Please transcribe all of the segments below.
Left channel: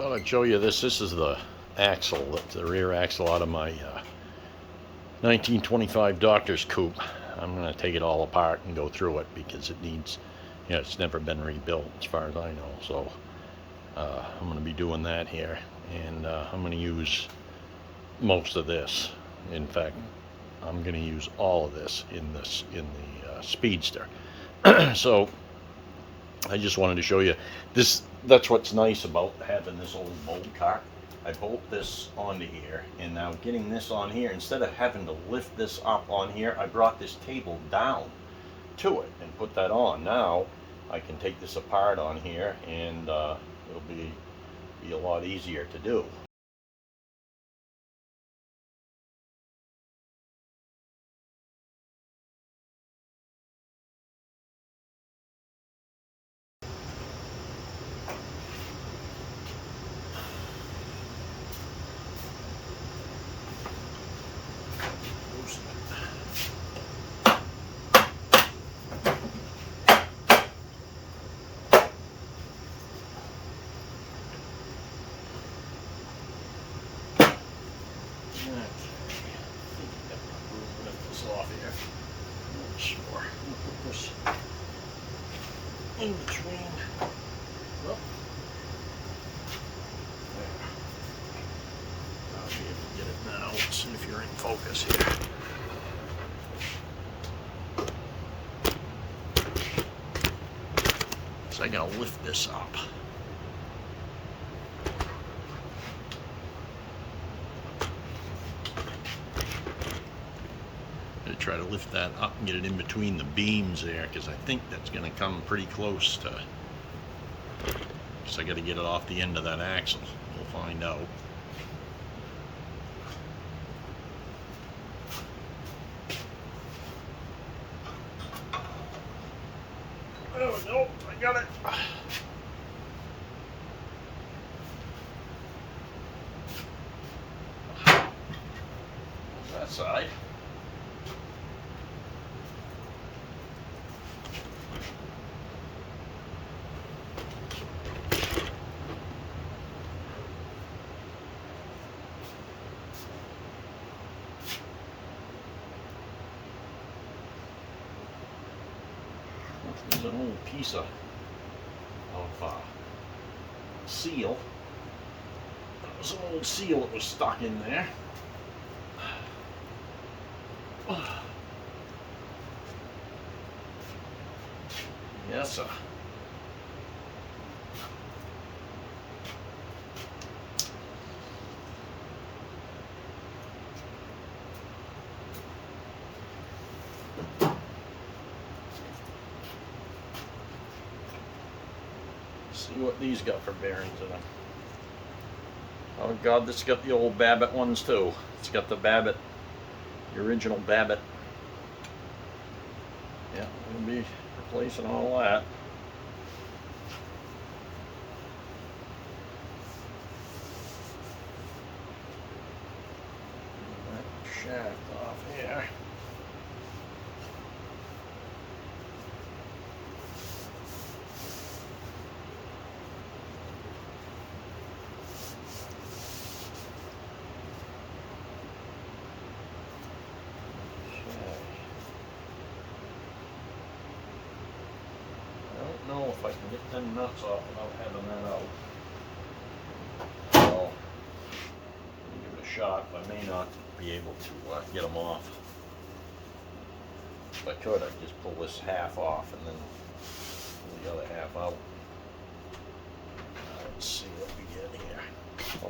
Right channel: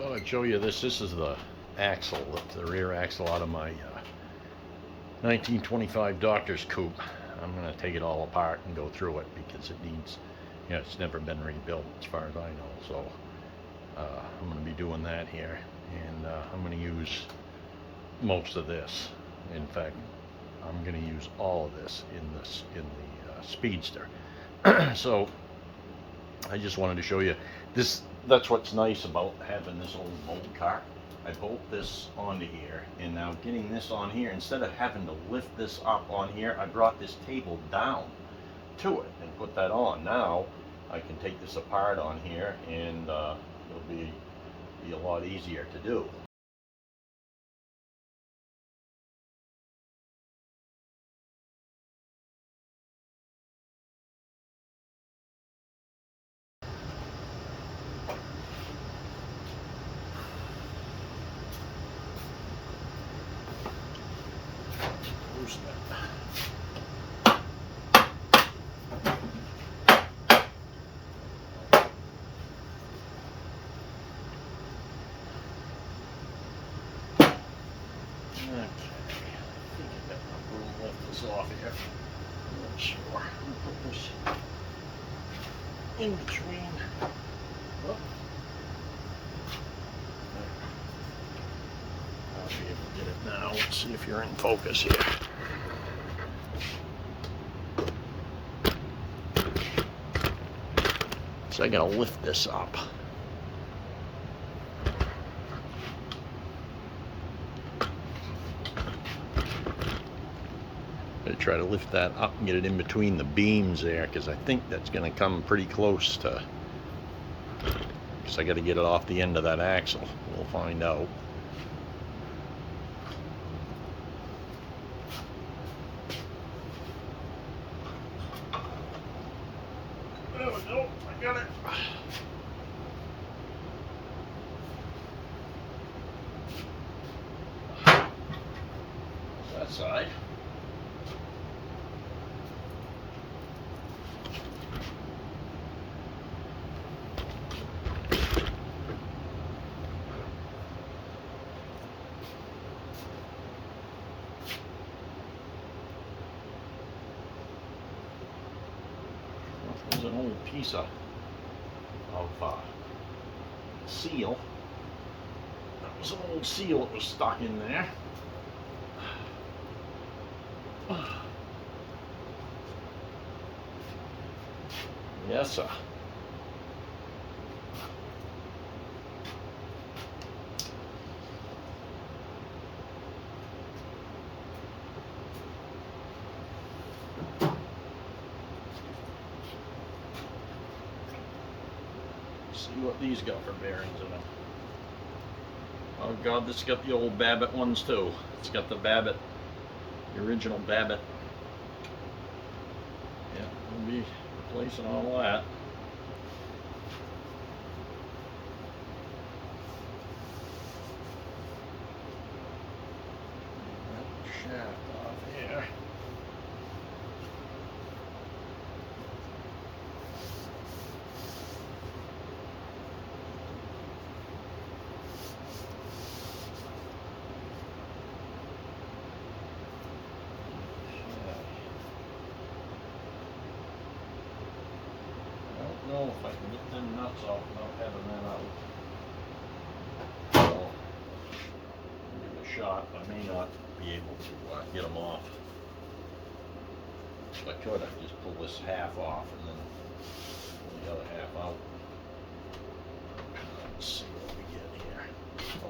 Thought I'd show you this. This is the axle, the rear axle out of my 1925 Doctor's coupe. I'm going to take it all apart and go through it because it needs, it's never been rebuilt as far as I know. So I'm going to be doing that here, and I'm going to use most of this. In fact, I'm going to use all of this in the Speedster. So I just wanted to show you this. That's what's nice about having this old bolt car. I bolt this onto here, and now getting this on here, instead of having to lift this up on here, I brought this table down to it and put that on. Now I can take this apart on here, and it'll be a lot easier to do. Off here. I'm not sure. I'm gonna put this in between. Oh. There. I'll be able to get it now. Let's see if you're in focus here. So I'm gonna lift this up. Try to lift that up and get it in between the beams there, because I think that's going to come pretty close to. So I got to get it off the end of that axle. We'll find out. There we go. I got it. That side. There's an old piece of seal. That was an old seal that was stuck in there. Yes, sir. See what these got for bearings in them. Oh God, this has got the old Babbitt ones too. It's got the Babbitt, the original Babbitt. Yeah, we'll be replacing all that. That shaft off here. I don't know if I can get them nuts off without having that out. So, I'll give it a shot. I may not be able to get them off. If I could, I'd just pull this half off and then pull the other half out. Let's see what we get here.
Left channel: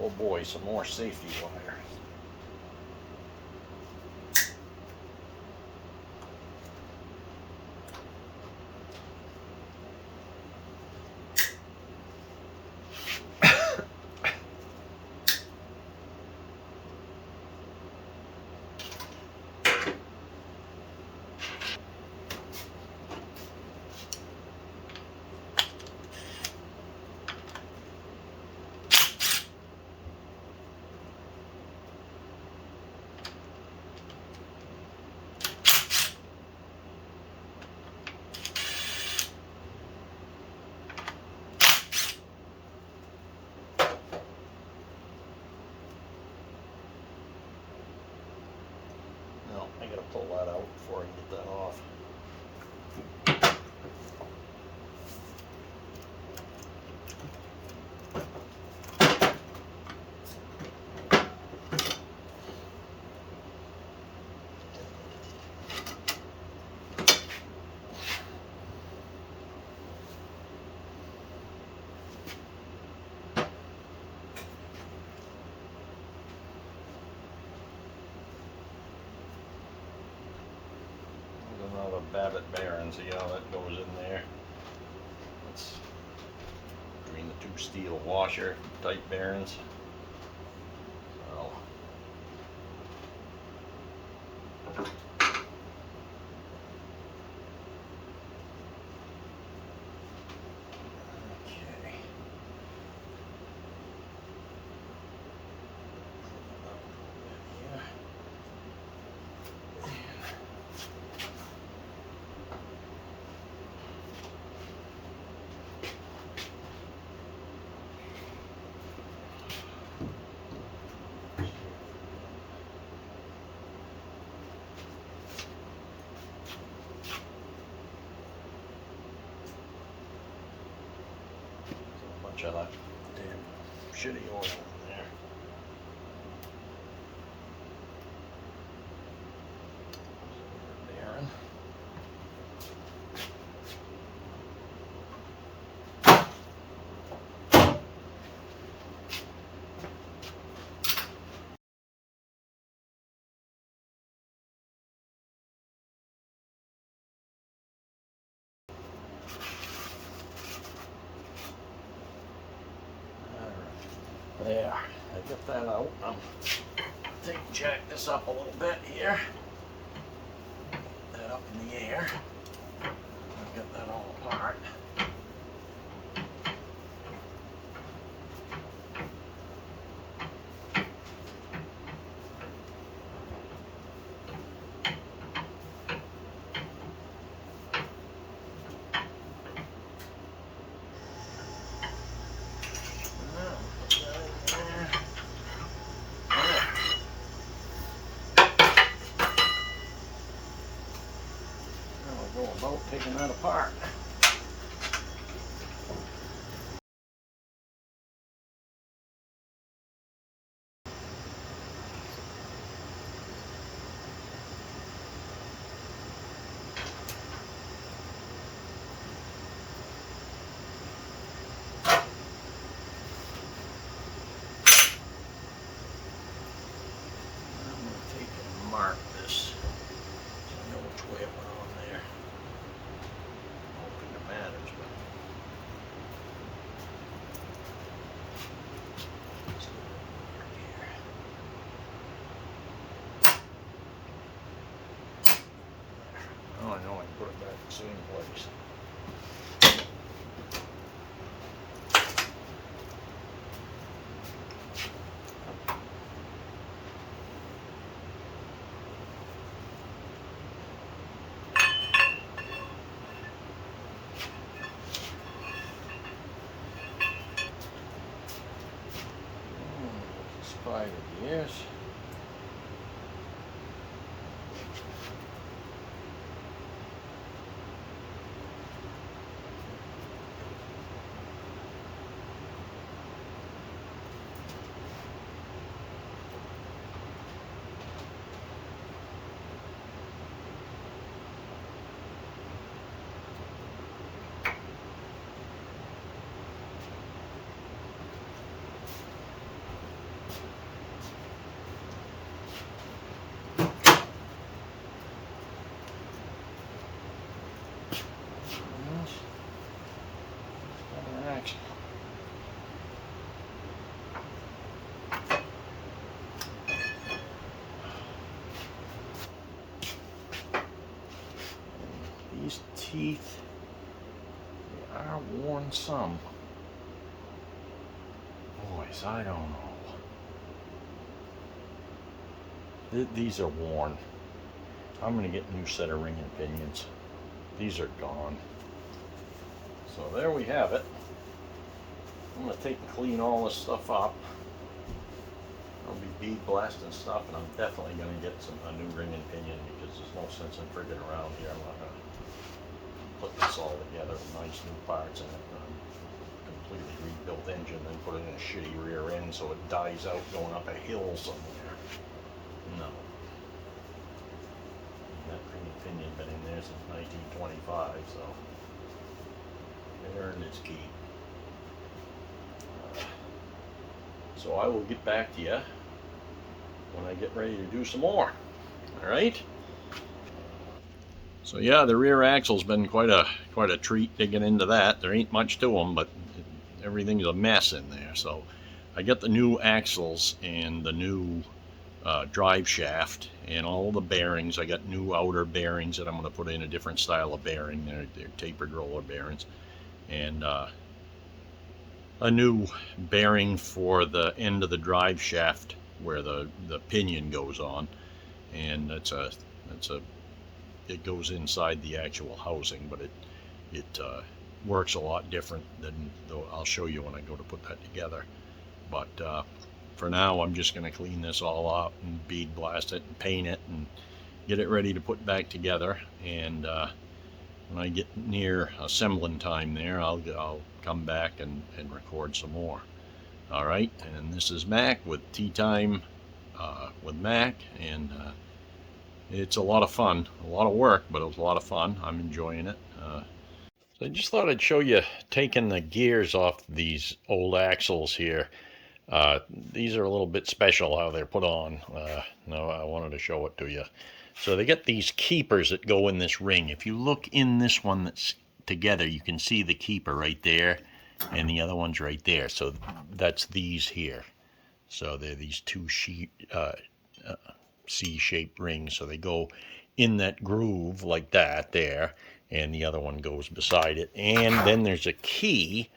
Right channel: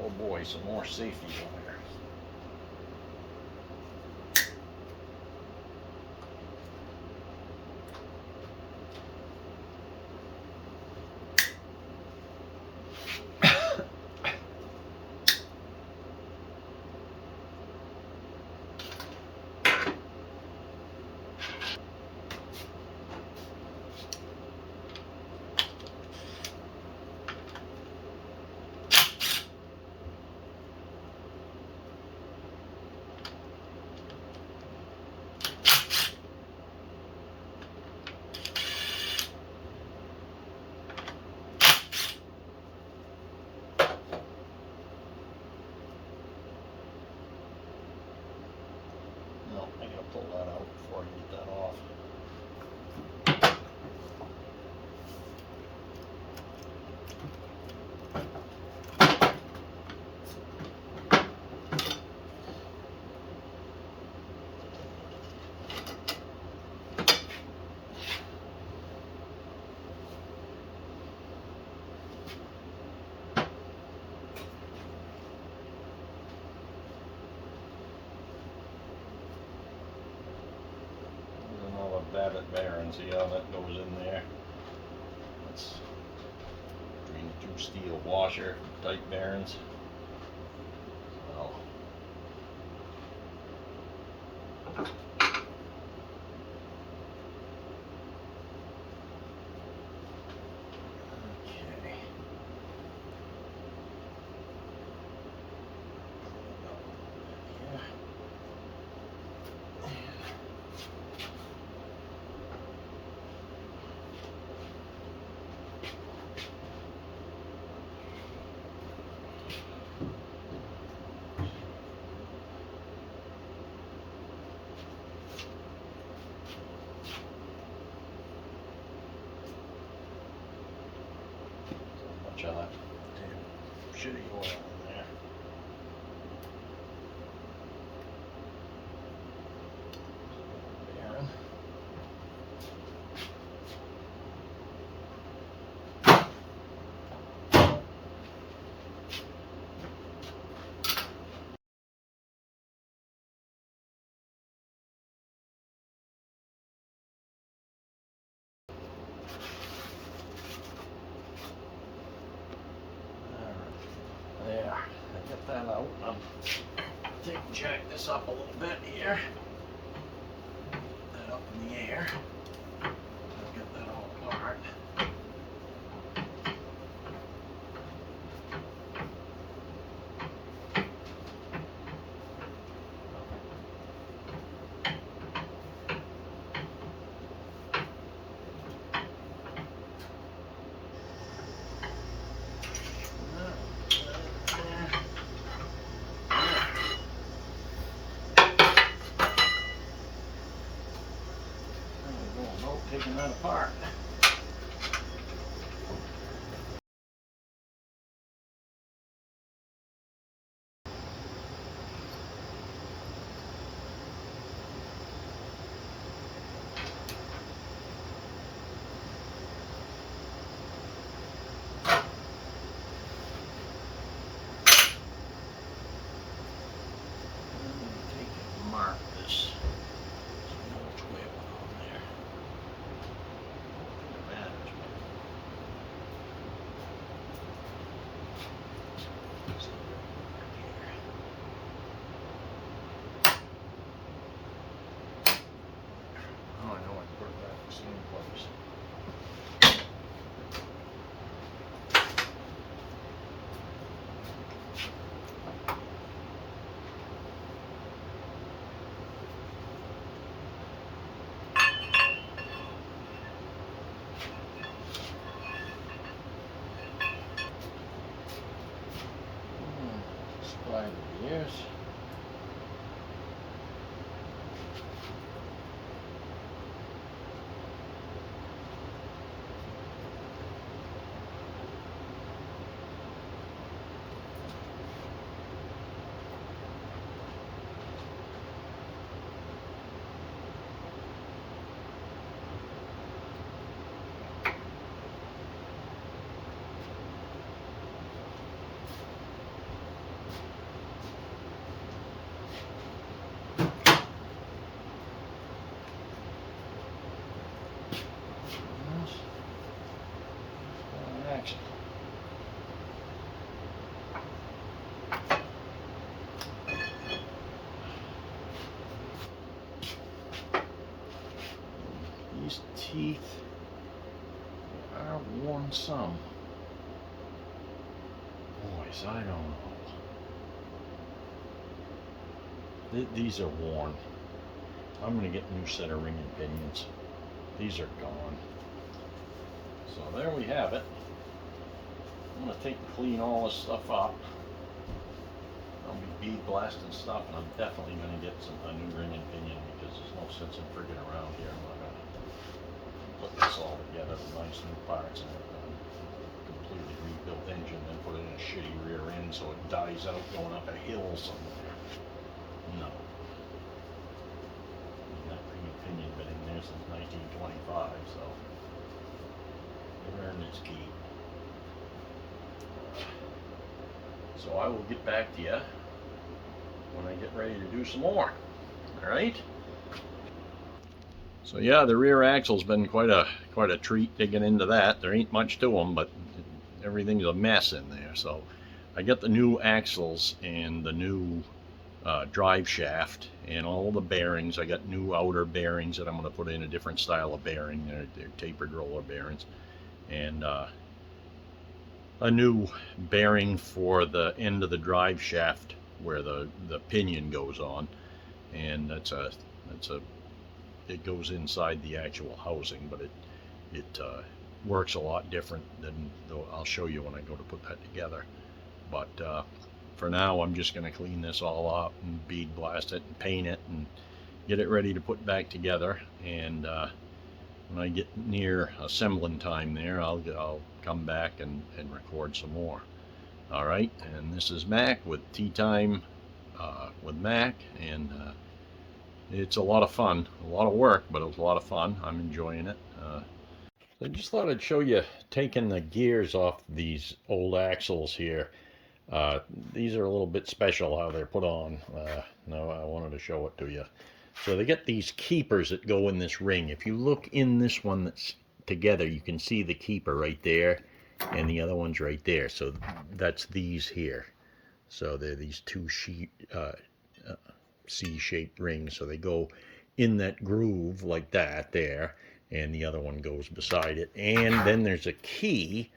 Oh boy, some more safety wire. pull that out before I get that off. Babbitt bearing, see how that goes in there? That's between the two steel washer type bearings. So okay. Clean up a little bit here. Bunch of that damn shitty oil in there. Bearing. There, I got that out. Jack this up a little bit here. Get that up in the air. I'll get that all apart. Taking that apart. Mark this so I know which way it went on there. Matters, but let's do it right here. Oh, I know I put it back in the same place. Try it, yes. These teeth are worn some. Boys, I don't know. These are worn. I'm going to get a new set of ring and pinions. These are gone. So there we have it. I'm going to take and clean all this stuff up. I'll be bead blasting stuff, and I'm definitely going to get a new ring and pinion, because there's no sense in frigging around here. I'm not going to put this all together with nice new parts and a completely rebuilt engine, and put it in a shitty rear end so it dies out going up a hill somewhere. No. That ring and pinion been in there since 1925, so it earned its keep. So I will get back to you when I get ready to do some more. All right. So yeah, the rear axle's been quite a treat digging into that. There ain't much to them, but everything's a mess in there. So I got the new axles and the new drive shaft and all the bearings. I got new outer bearings that I'm going to put in a different style of bearing. They're tapered roller bearings, and a new bearing for the end of the drive shaft where the pinion goes on, and it goes inside the actual housing, but it works a lot different than, though I'll show you when I go to put that together. But for now, I'm just going to clean this all up and bead blast it and paint it and get it ready to put back together. And when I get near assembling time there, I'll come back and record some more. All right, and this is Mac with Tea Time with Mac, and it's a lot of fun, a lot of work, but it was a lot of fun. I'm enjoying it. So I just thought I'd show you taking the gears off these old axles here. These are a little bit special how they're put on. No, I wanted to show it to you. So they get these keepers that go in this ring. If you look in this one that's together, you can see the keeper right there, and the other one's right there. So that's these here. So they're these two C-shaped rings. So they go in that groove like that there, and the other one goes beside it. And then there's a key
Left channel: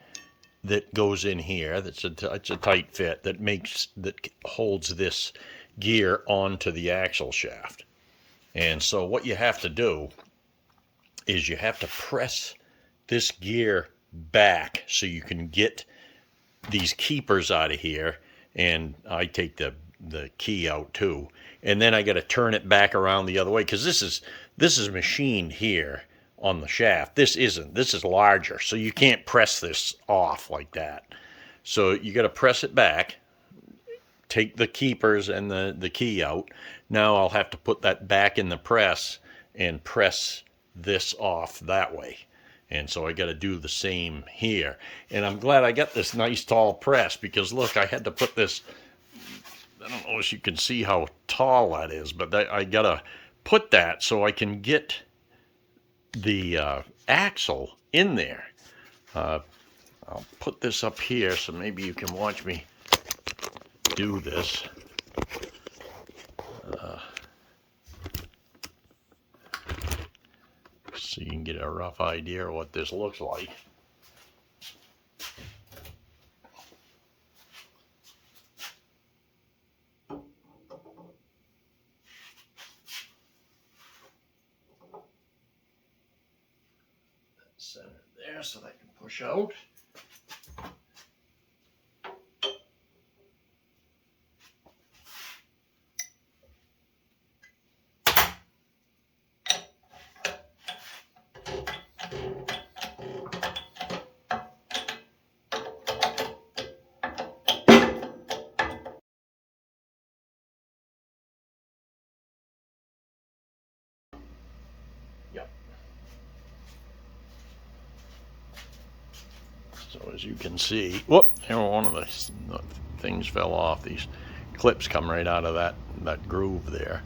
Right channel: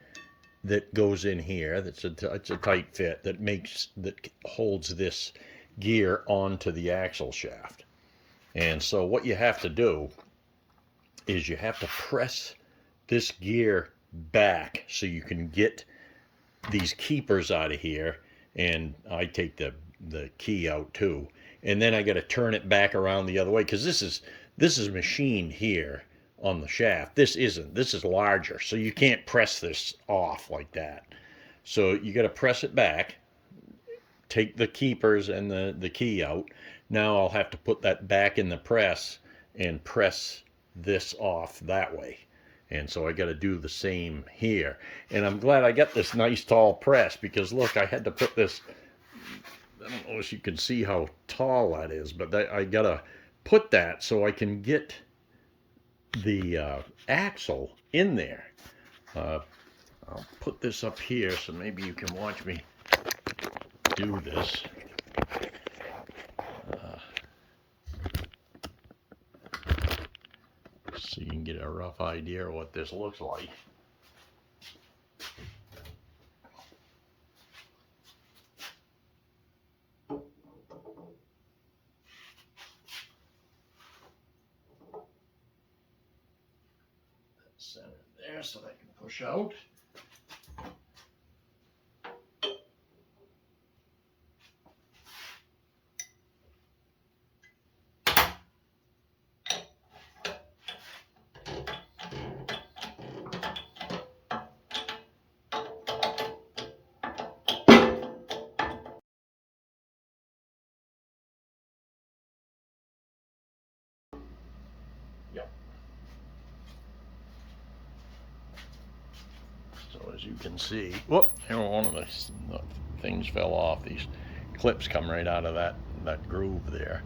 that goes in here. It's a tight fit that holds this gear onto the axle shaft. And so what you have to do is you have to press this gear back so you can get these keepers out of here. And I take the key out too. And then I got to turn it back around the other way, because this is machined here on the shaft. This isn't. This is larger, so you can't press this off like that. So you got to press it back, take the keepers and the key out. Now I'll have to put that back in the press and press this off that way. And so I got to do the same here. And I'm glad I got this nice tall press, because look, I had to put this, I don't know if you can see how tall that is, but I got to put that so I can get the axle in there. I'll put this up here so maybe you can watch me do this. So you can get a rough idea of what this looks like. Center there so that can push out. Yep. So as you can see, whoop, one of the things fell off. These clips come right out of that groove there.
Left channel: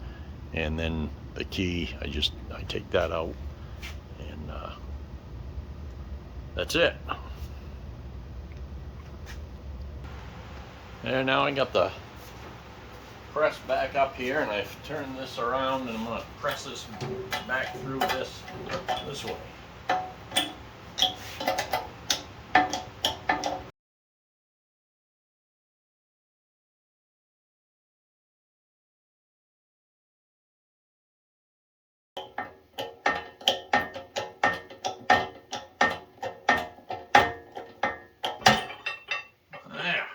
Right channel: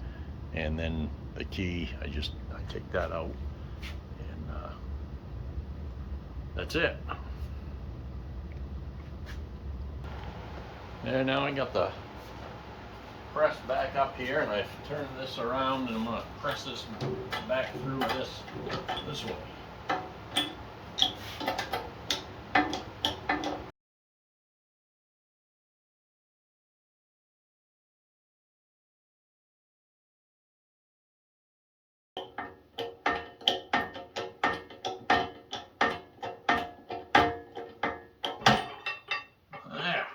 And then the key, I take that out, and that's it. There, now I got the press back up here, and I've turned this around, and I'm going to press this back through this way. There.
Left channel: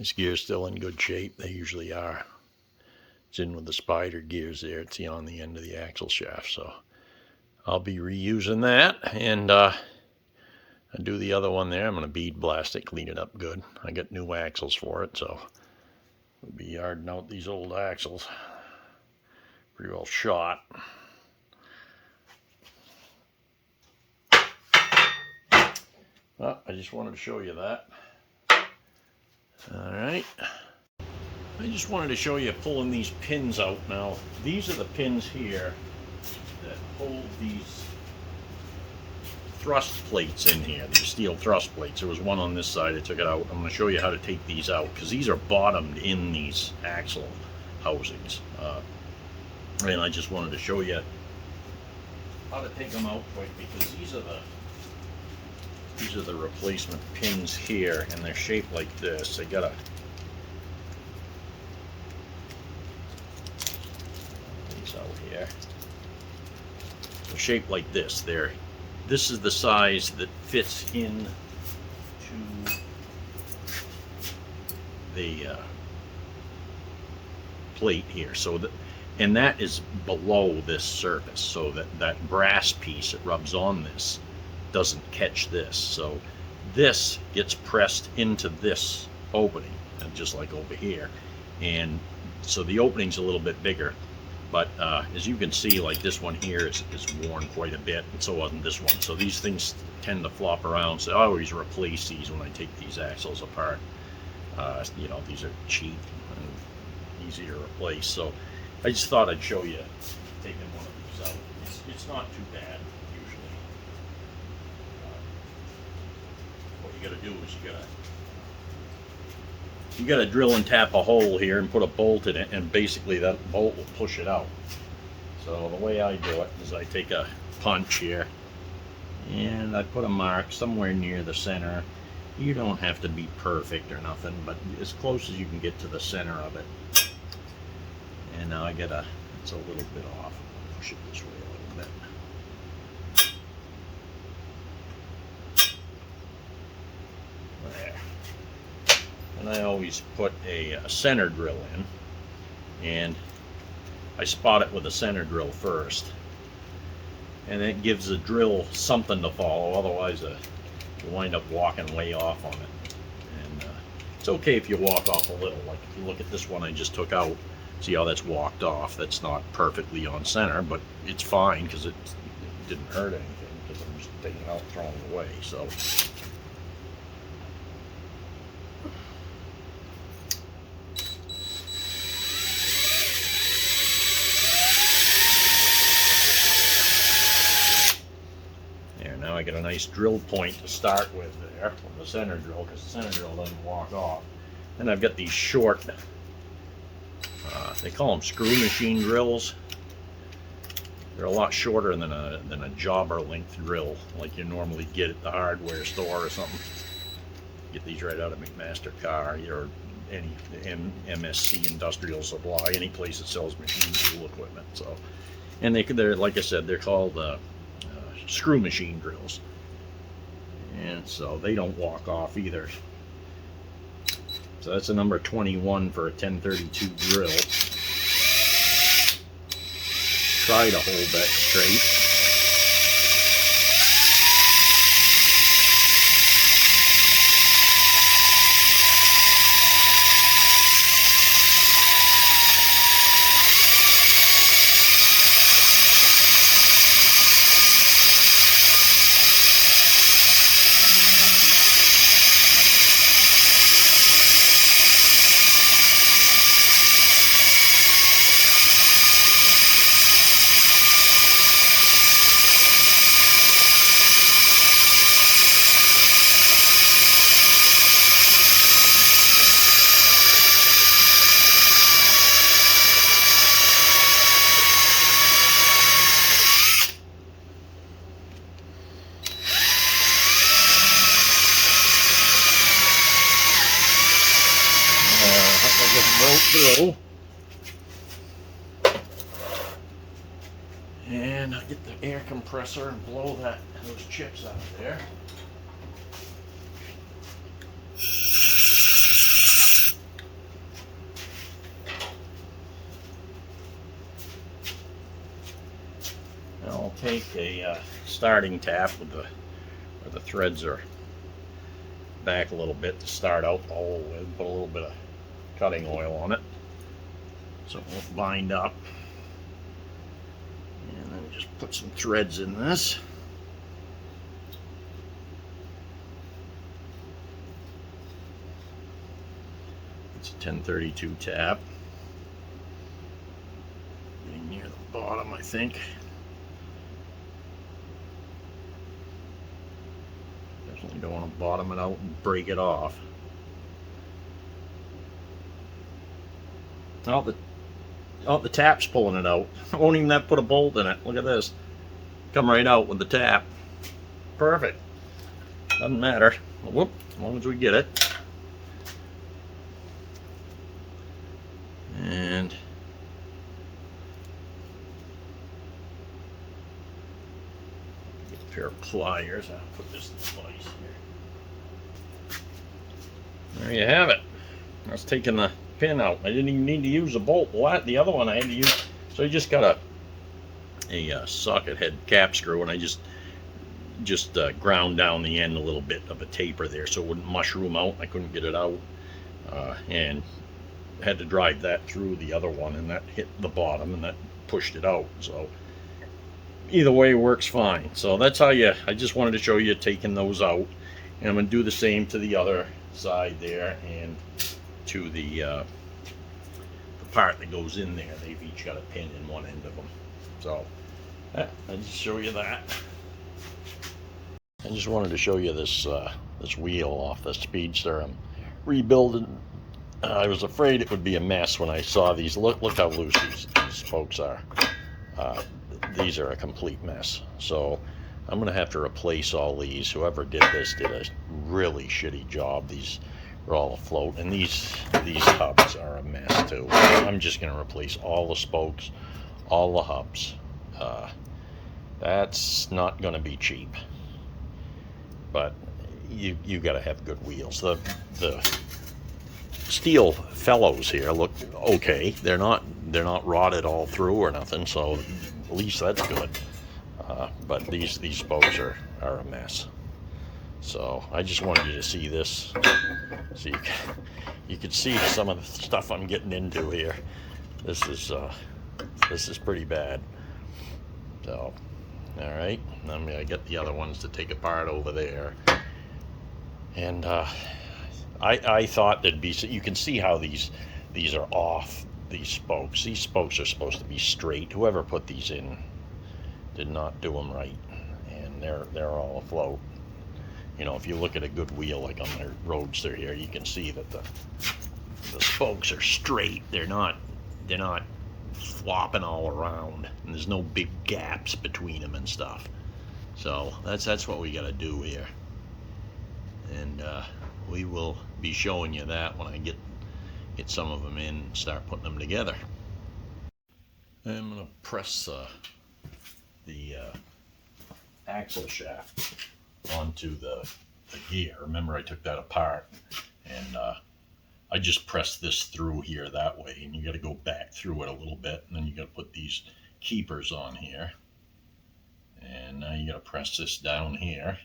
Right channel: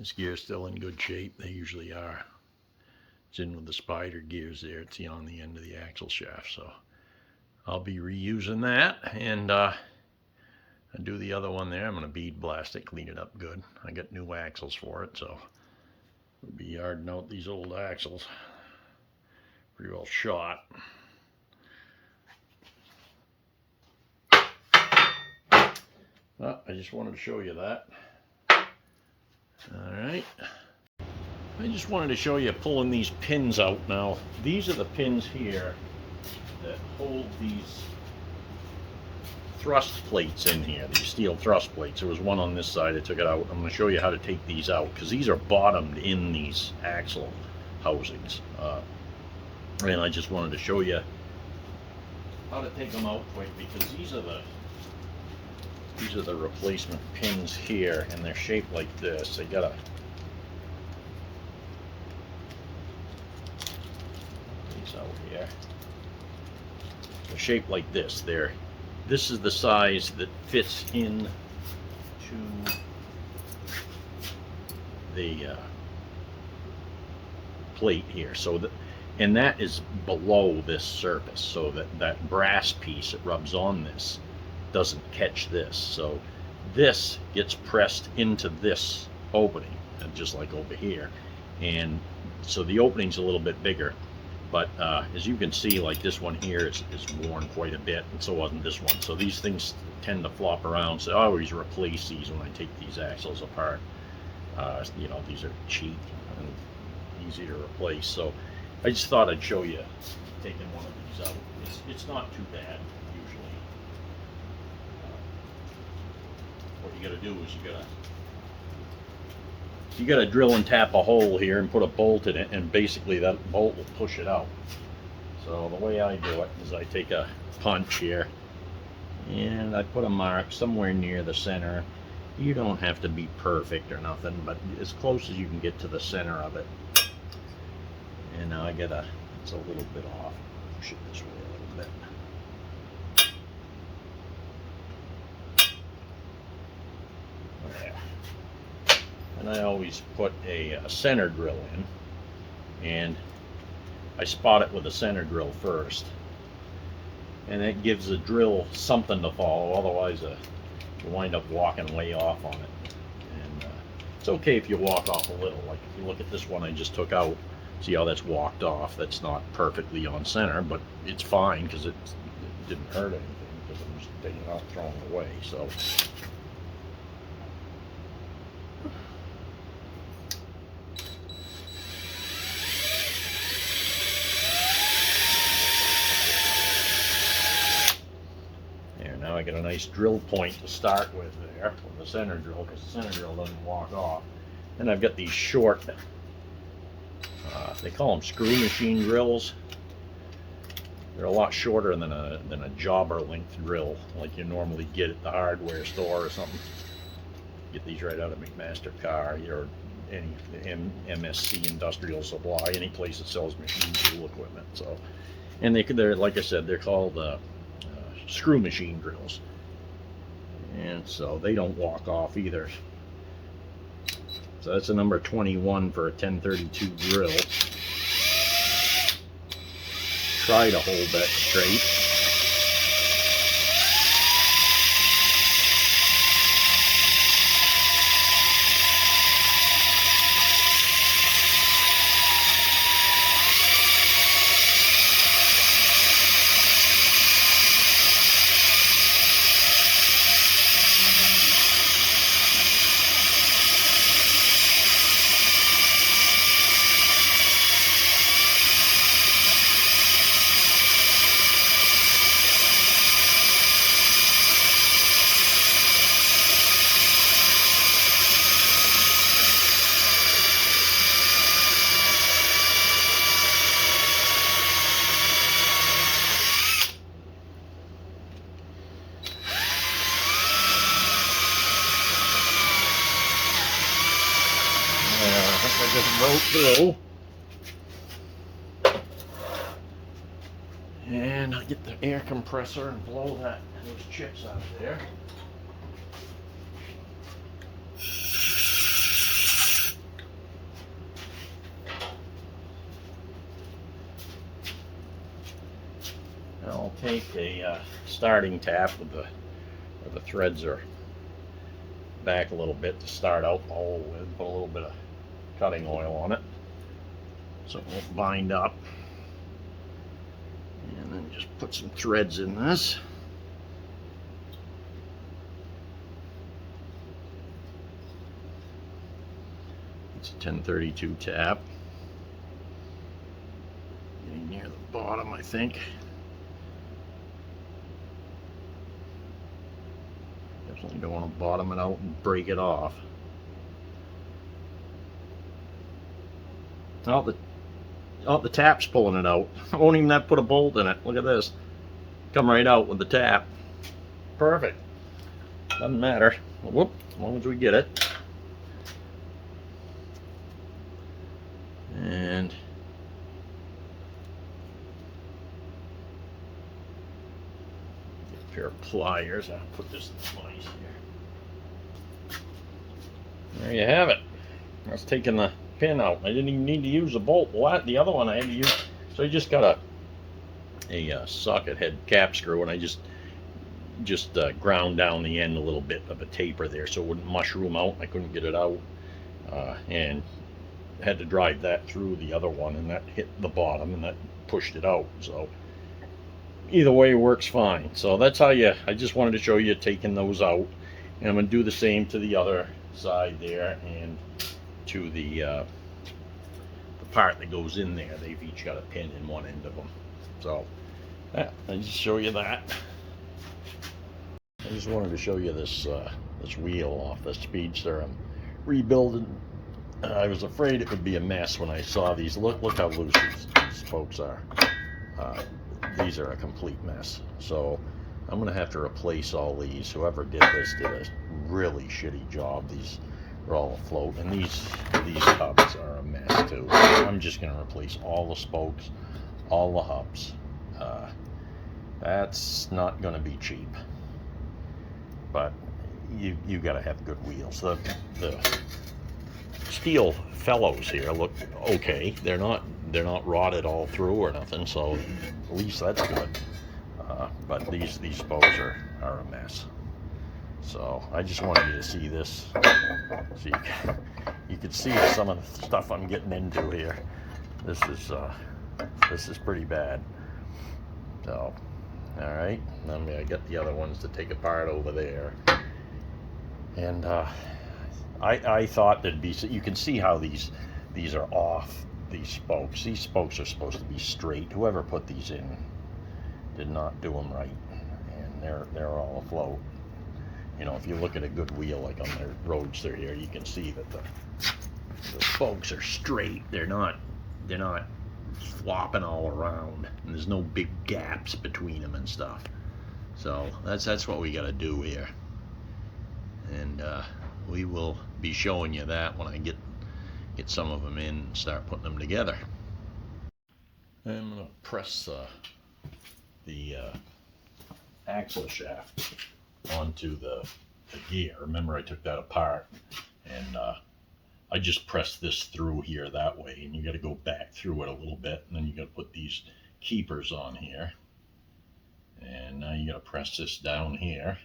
This gear's still in good shape. They usually are. It's in with the spider gears there. It's on the end of the axle shaft. So I'll be reusing that, and I do the other one there. I'm going to bead blast it, clean it up good. I got new axles for it, so we'll be yarding out these old axles. Pretty well shot. Well, I just wanted to show you that. Alright. I just wanted to show you pulling these pins out now. These are the pins here that hold these thrust plates in here, these steel thrust plates. There was one on this side. I took it out. I'm going to show you how to take these out because these are bottomed in these axle housings. And I just wanted to show you how to take them out quick because these are the replacement pins here, and they're shaped like this. They got these out here. They're shaped like this. This is the size that fits in to the plate here. So and that is below this surface, so that brass piece that rubs on this doesn't catch this. So this gets pressed into this opening, just like over here, and so the opening's a little bit bigger, but as you can see, like this one here is worn quite a bit, and so wasn't this one. So these things tend to flop around, so I always replace these when I take these axles apart. You know, these are cheap and easy to replace, so I just thought I'd show you taking one of these out. It's not too bad. What you got to do is you got to drill and tap a hole here and put a bolt in it, and basically that bolt will push it out. So the way I do it is I take a punch here and I put a mark somewhere near the center. You don't have to be perfect or nothing, but as close as you can get to the center of it. And now it's a little bit off. I'll push it this way a little bit. And I always put a center drill in, and I spot it with a center drill first, and it gives the drill something to follow. Otherwise you wind up walking way off on it, and it's okay if you walk off a little. Like if you look at this one I just took out, see how that's walked off. That's not perfectly on center, but it's fine because it didn't hurt anything, because I'm just taking it out and throwing it away. So now I get a nice drill point to start with there with the center drill, because the center drill doesn't walk off. Then I've got these short, they call them screw machine drills. They're a lot shorter than a jobber length drill like you normally get at the hardware store or something. Get these right out of McMaster Car or any MSC Industrial Supply, any place that sells machine tool equipment. So, and they're like I said, they're called screw machine drills, and so they don't walk off either. So that's a number 21 for a 1032 drill. Try to hold that straight. I just broke through. And I'll get the air compressor and blow those chips out of there. I'll take a starting tap with where the threads are back a little bit to start out the hole with. Put a little bit of cutting oil on it so it won't bind up. And then just put some threads in this. It's a 1032 tap. Getting near the bottom, I think. Definitely don't want to bottom it out and break it off. Oh, the tap's pulling it out. I won't even have to put a bolt in it. Look at this. Come right out with the tap. Perfect. Doesn't matter. Whoop, as long as we get it. And get a pair of pliers. I'll put this in place here. There you have it. I was taking the pin out. I didn't even need to use a bolt. The other one I had to use. So I just got a socket head cap screw, and I just ground down the end a little bit of a taper there so it wouldn't mushroom out. I couldn't get it out, and had to drive that through the other one, and that hit the bottom and that pushed it out. So either way works fine. So that's how I just wanted to show you taking those out, and I'm going to do the same to the other side there and to the part that goes in there. They've each got a pin in one end of them. So yeah, I just show you that. I just wanted to show you this this wheel off the Speedster. I'm rebuilding. I was afraid it would be a mess when I saw these. Look how loose these spokes are. These are a complete mess. So I'm going to have to replace all these. Whoever did this did a really shitty job. These are all afloat, and these hubs are a mess too. I'm just going to replace all the spokes, all the hubs. That's not going to be cheap, but you got to have good wheels. The steel fellows here look okay. They're not rotted all through or nothing, so at least that's good. But these spokes are a mess. So I just wanted you to see this, so you could see some of the stuff I'm getting into here. This is pretty bad. So all right, I got the other ones to take apart over there, and I thought there'd be, so you can see how these are off, these spokes. These spokes are supposed to be straight. Whoever put these in did not do them right, and they're all afloat. You know, if you look at a good wheel like on their Roadster here, you can see that the spokes are straight. They're not flopping all around, and there's no big gaps between them and stuff. So that's what we got to do here, and we will be showing you that when I get some of them in and start putting them together. I'm going to press the axle shaft onto the gear. Remember, I took that apart, and I just pressed this through here that way, and you got to go back through it a little bit, and then you got to put these keepers on here, and now you got to press this down here.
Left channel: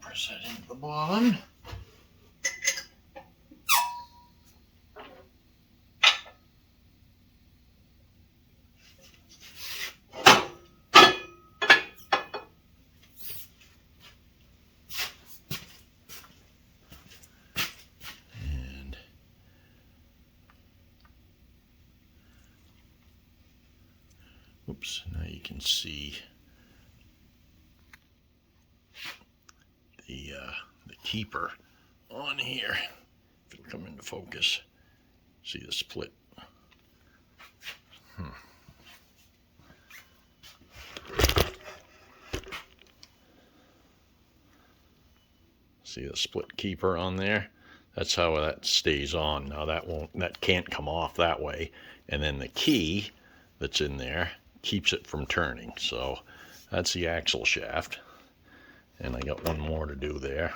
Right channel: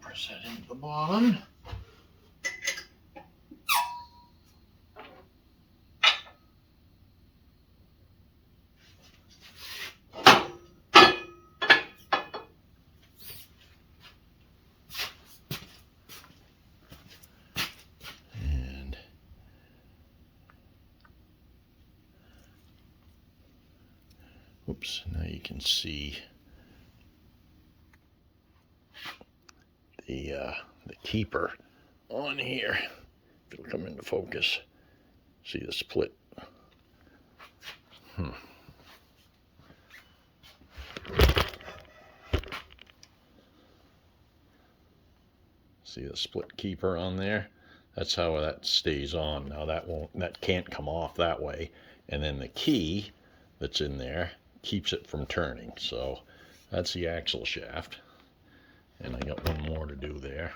Press that into the bottom. And oops, now you can see the keeper on here. it'll come into focus. See the split. See the split keeper on there? That's how that stays on. Now that can't come off that way. And then the key that's in there keeps it from turning. So that's the axle shaft. And I got one more to do there.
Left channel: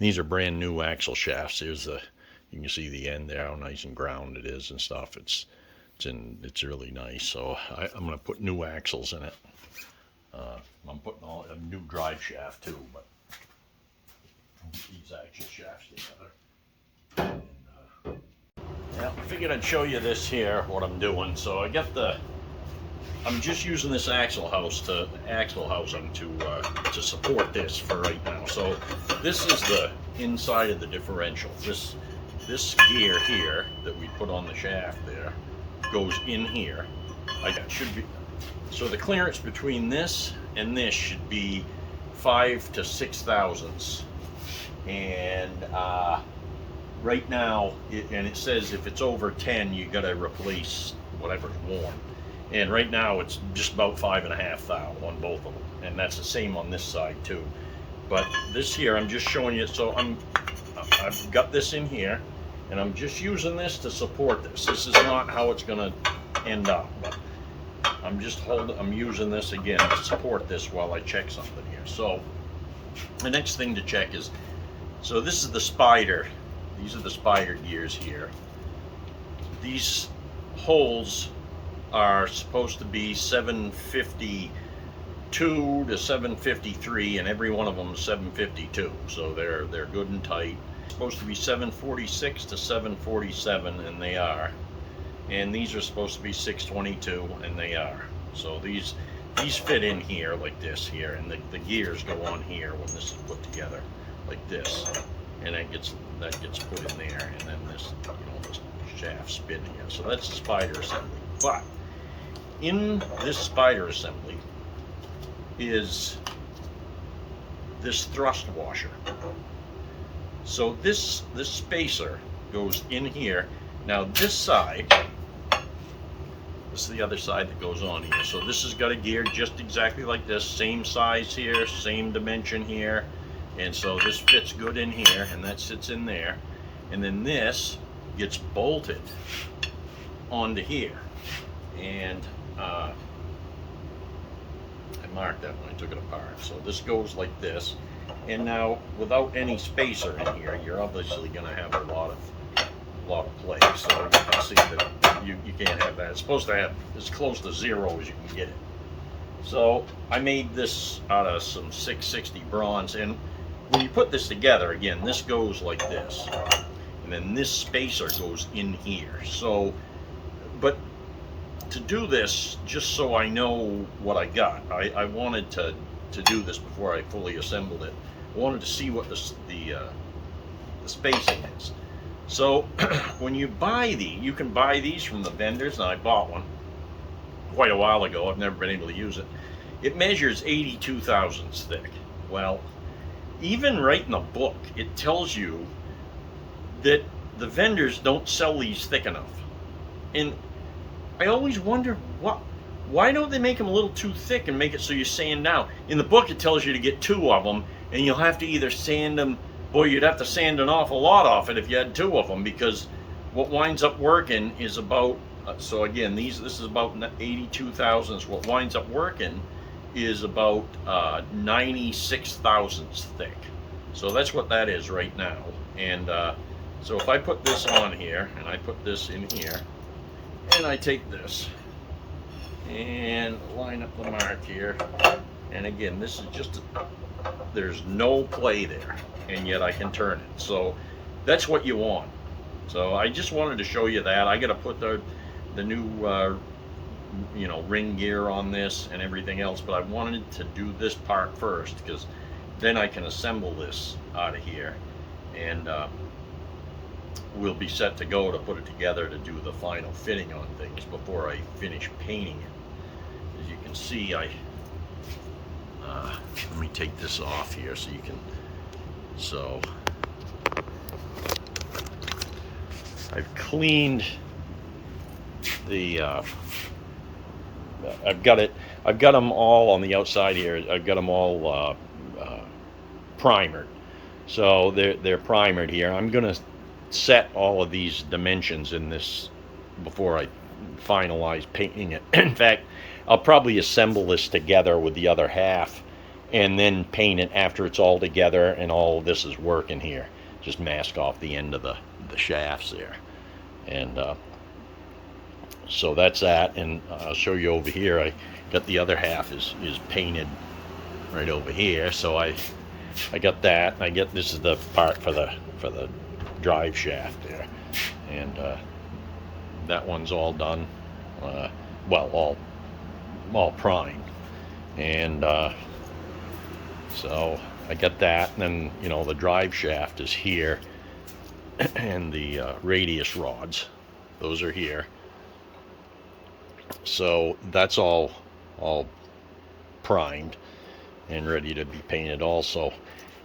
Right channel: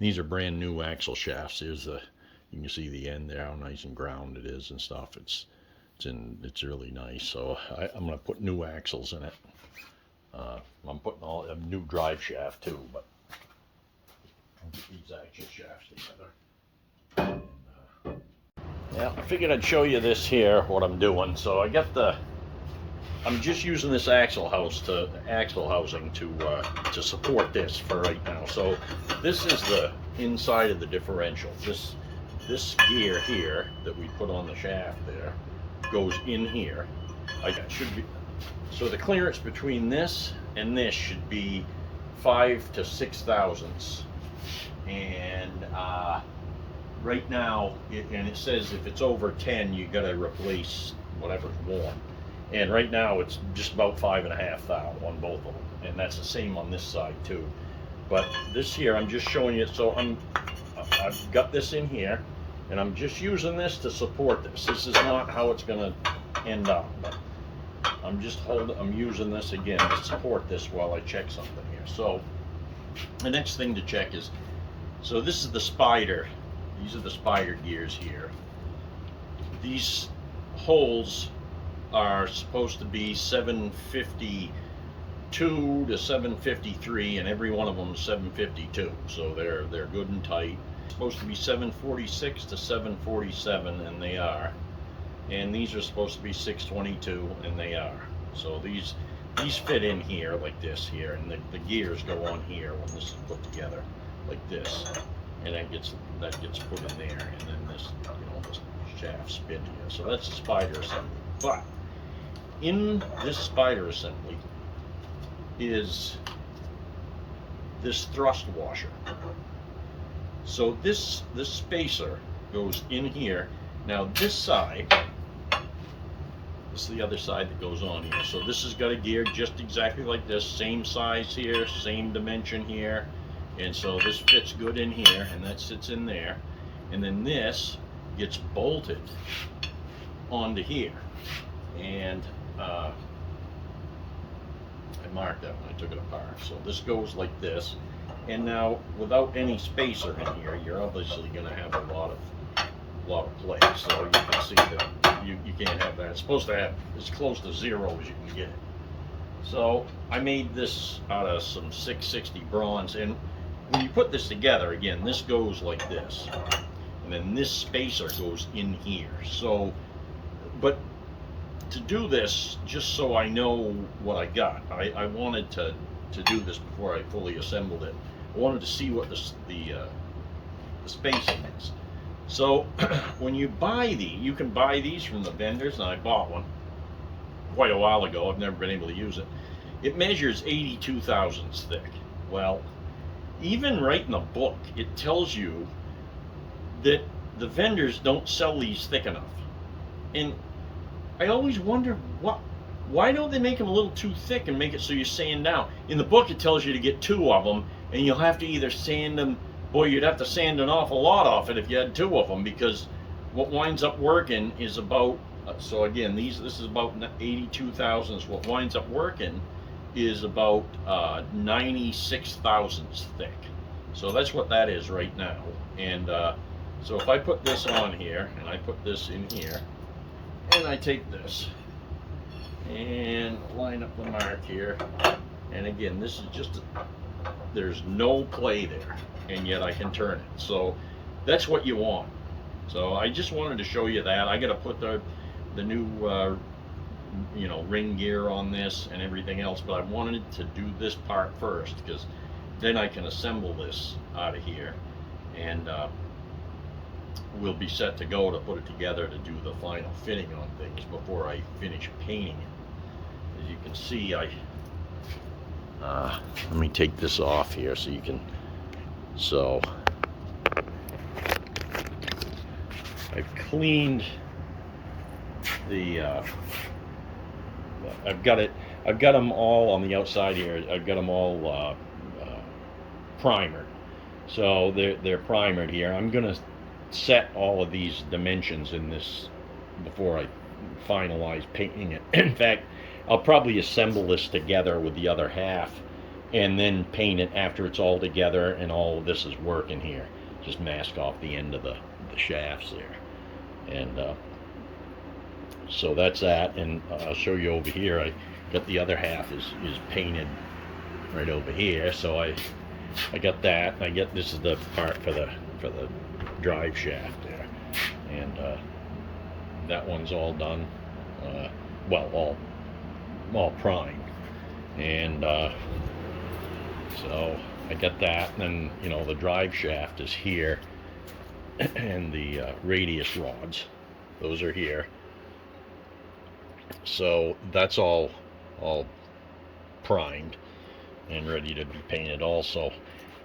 These are brand new axle shafts. Here's the, you can see the end there, how nice and ground it is and stuff. It's really nice. So I'm going to put new axles in it. I'm putting a new drive shaft too, but I'll get these axle shafts together. And, yeah, I figured I'd show you this here, what I'm doing. So I'm just using this axle housing to support this for right now. So this is the inside of the differential. This gear here that we put on the shaft there goes in here. So the clearance between this and this should be 5 to 6 thousandths. And right now, it says if it's over 10, you got to replace whatever's worn. And right now it's just about 5.5 thou on both of them, and that's the same on this side too. But this here, I'm just showing you. So I've got this in here, and I'm just using this to support this. This is not how it's going to end up, but I'm using this again to support this while I check something here. So the next thing to check is, so this is the spider. These are the spider gears here. These holes are supposed to be 752 to 753, and every one of them is 752. So they're good and tight. It's supposed to be 746 to 747, and they are. And these are supposed to be 622, and they are. So these fit in here like this here, and the gears go on here when this is put together like this, and that gets put in there, and then this, the shaft spin here. So that's the spider assembly. But in this spider assembly is this thrust washer. So this spacer goes in here. Now this side, this is the other side that goes on here. So this has got a gear just exactly like this, same size here, same dimension here, and so this fits good in here, and that sits in there, and then this gets bolted onto here. And I marked that when I took it apart. So this goes like this, and now without any spacer in here, you're obviously going to have a lot of play. So you can see that you can't have that. It's supposed to have as close to zero as you can get it. So I made this out of some 660 bronze, and when you put this together, again, this goes like this, and then this spacer goes in here. So, but to do this, just so I know what I got, I wanted to do this before I fully assembled it. I wanted to see what the spacing is. So when you buy you can buy these from the vendors, and I bought one quite a while ago. I've never been able to use it. It measures 82 thousandths thick. Well, even right in the book, it tells you that the vendors don't sell these thick enough. And I always wonder why don't they make them a little too thick and make it so you sand down? In the book, it tells you to get 2 of them, and you'll have to either sand them. Boy, you'd have to sand an awful lot off it if you had 2 of them, because what winds up working is about, so again, this is about 82 thousandths. What winds up working is about 96 thousandths thick. So that's what that is right now. And so if I put this on here, and I put this in here, and I take this and line up the mark here, and again, this is just there's no play there, and yet I can turn it. So that's what you want. So I just wanted to show you that. I got to put the new ring gear on this and everything else, but I wanted to do this part first, because then I can assemble this out of here, and we'll be set to go to put it together to do the final fitting on things before I finish painting it. As you can see, let me take this off here so you can, so I've cleaned the I've got them all on the outside here. I've got them all primered, so they're primered here. I'm gonna set all of these dimensions in this before I finalize painting it. In fact, I'll probably assemble this together with the other half and then paint it after it's all together and all of this is working here. Just mask off the end of the shafts there. And so that's that, and I'll show you over here. I got the other half is painted right over here, so I got that. I get this is the part for the drive shaft there, and that one's all done. Well, all primed, and so I got that. And then, you know, the drive shaft is here, and the radius rods, those are here. So that's all primed and ready to be painted also.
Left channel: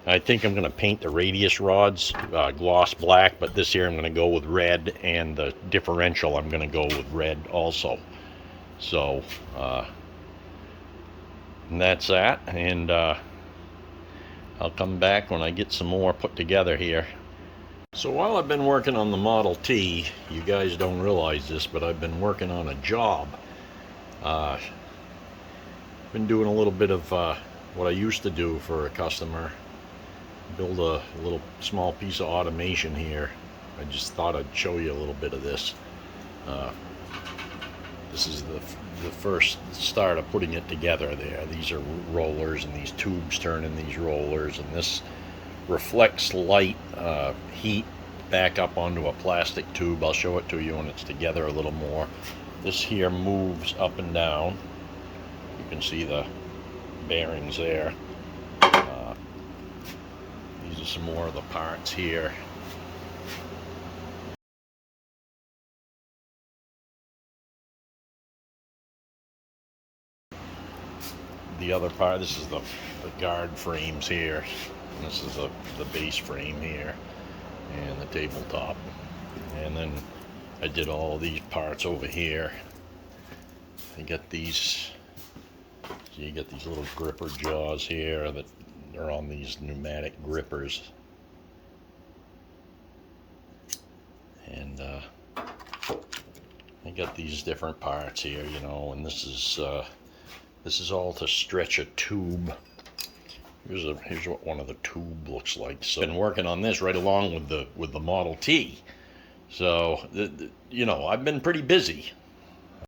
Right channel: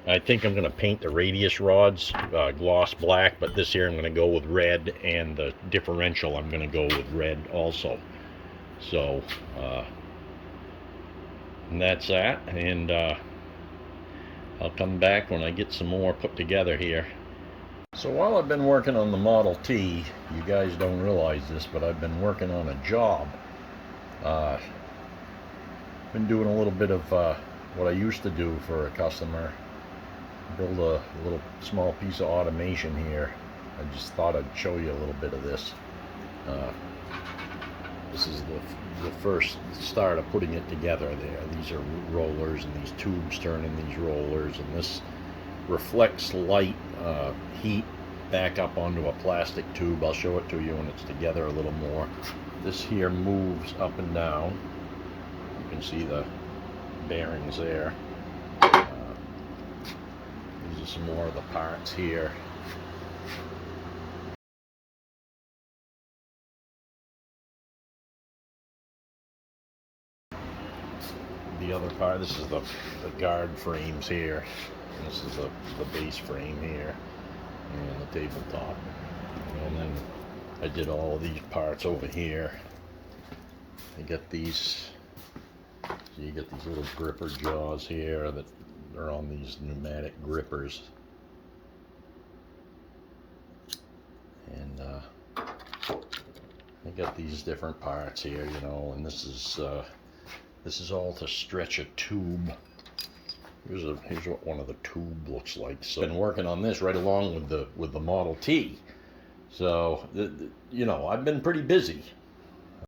I think I'm going to paint the radius rods gloss black, but this here I'm going to go with red, and the differential I'm going to go with red also. So and that's that, and I'll come back when I get some more put together here. So while I've been working on the Model T, you guys don't realize this, but I've been working on a job. Been doing a little bit of what I used to do for a customer. Build a little small piece of automation here. I just thought I'd show you a little bit of this. This is the first start of putting it together there. These are rollers, and these tubes turn in these rollers, and this reflects light, heat back up onto a plastic tube. I'll show it to you when it's together a little more. This here moves up and down. You can see the bearings there. These are some more of the parts here. The other part, this is the guard frames here. This is the base frame here, and the tabletop. And then I did all of these parts over here. I got these, so you get these little gripper jaws here that are on these pneumatic grippers. And I got these different parts here, you know, and this is all to stretch a tube. Here's what one of the tube looks like. So I've been working on this right along with the Model T. So you know, I've been pretty busy.